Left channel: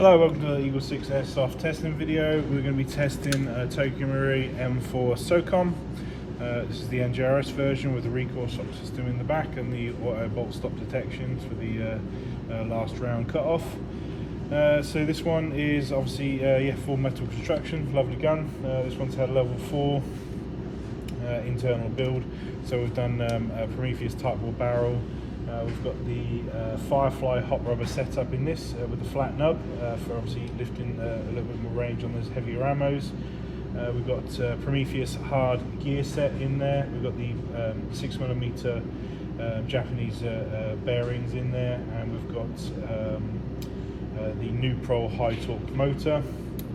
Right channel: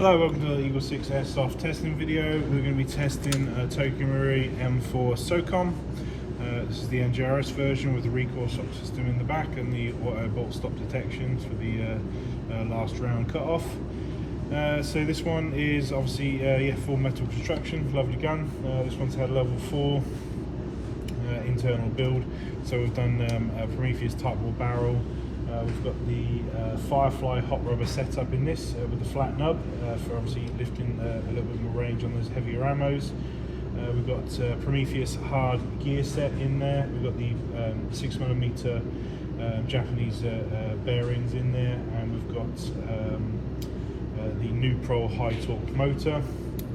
Hello, welcome to the EagleSix Airsoft testing video. We're going to be testing a Socom M4A1 Socom. This is the NGRS version with the recoil stop system in the back and the auto bolt stop detections for the last round cut off. So this one is obviously full metal construction, lovely gun. This one's had level 4 internal build. So we've done a Prometheus Tightbore barrel. We've got the Firefly Hop Rubber setup in this with the flat nub for obviously lifting a little bit more range on those heavier ammos. We've got Prometheus hard gear set in there. We've got the 6mm Japanese bearings in there, and we've got the Nuprol high torque motor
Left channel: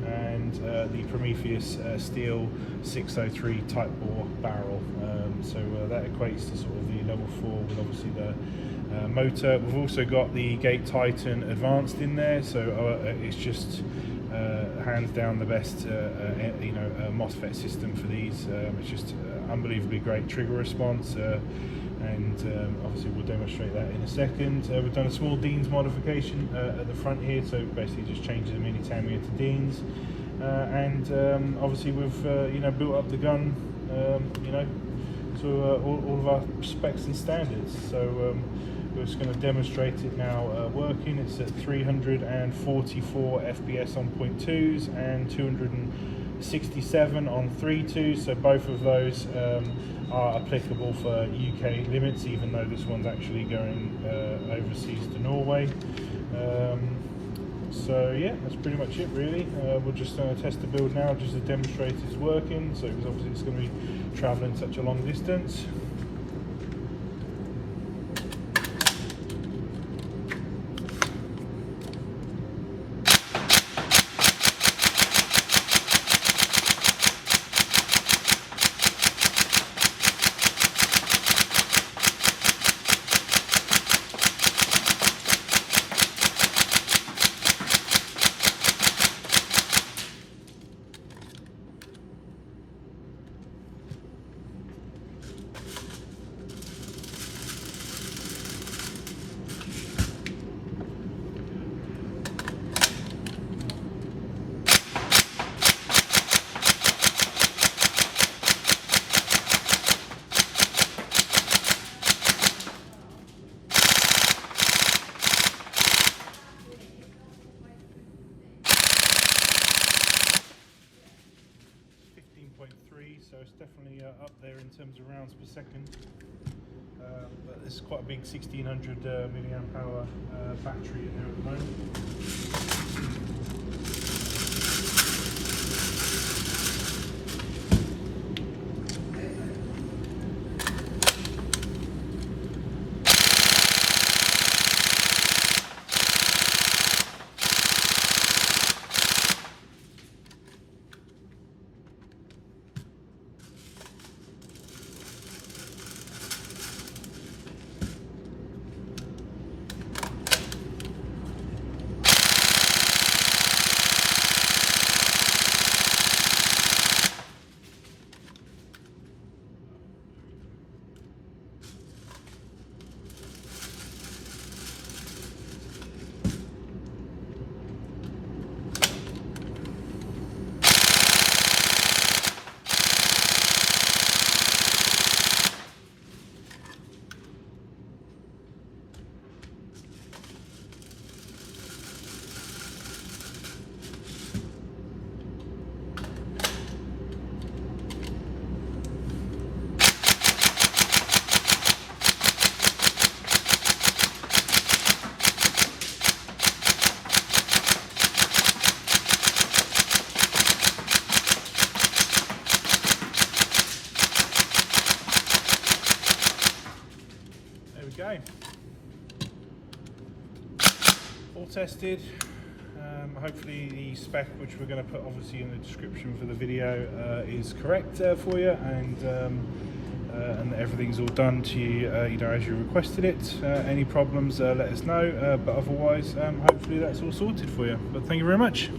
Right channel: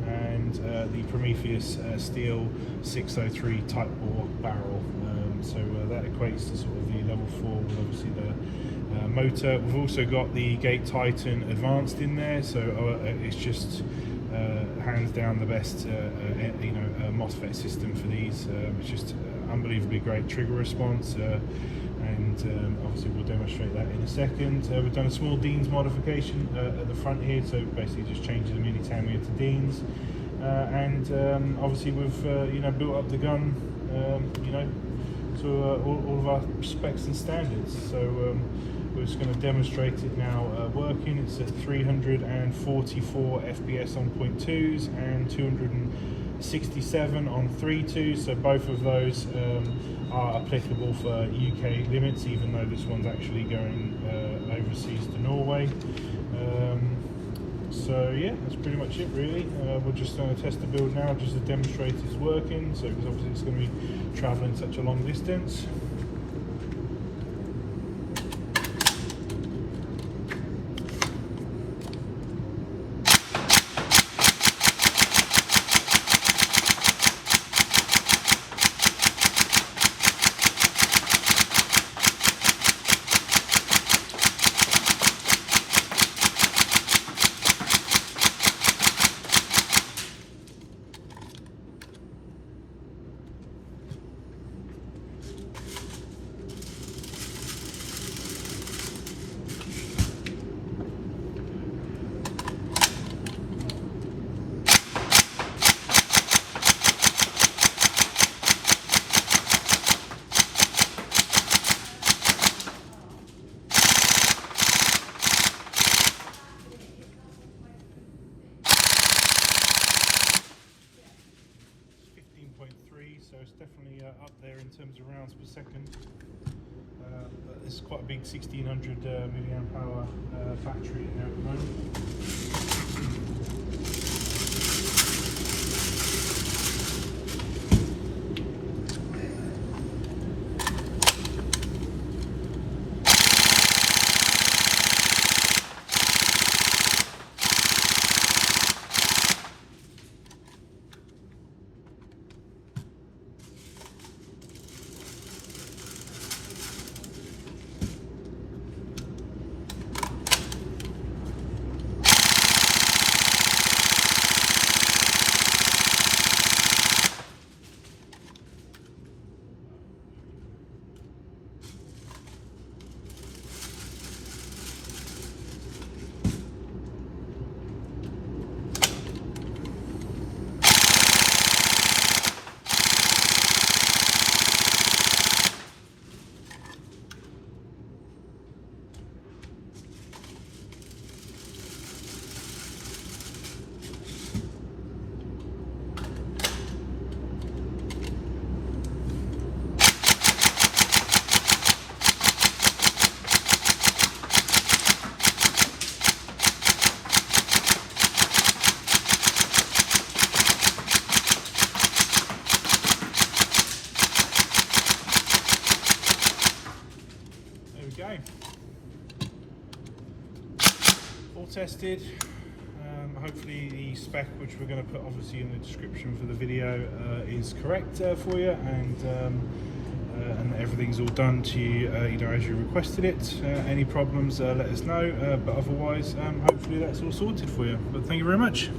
and the Prometheus steel 603 Tightbore barrel. So that equates to sort of the level 4 with obviously the motor. We've also got the Gate Titan Advanced in there, so it's just hands down the best MOSFET system for these. It's just unbelievably great trigger response, and obviously we'll demonstrate that in a second. We've done a small Dean's modification at the front here, so basically just changes the mini Tamiya to Dean's, and obviously we've built up the gun to all of our specs and standards. So we're just going to demonstrate it now working. It's at 344 FPS on 0.2s and 267 on 3.2s, so both of those are applicable for UK limits, even though this one's actually going overseas to Norway. So yeah, that's pretty much it really. We're just going to test the build now just to demonstrate it's working, so because obviously it's going to be travelling such a long distance. So it's definitely up there in terms of rounds per second. But this is quite a big 1600 milliamp hour battery in there at the moment. Go. All tested. Hopefully the spec, which we're going to put obviously in the description for the video, is correct for you, and everything's all done to you, as you requested it. Any problems, let us know, but otherwise hopefully that's all sorted for you. But thank you very much.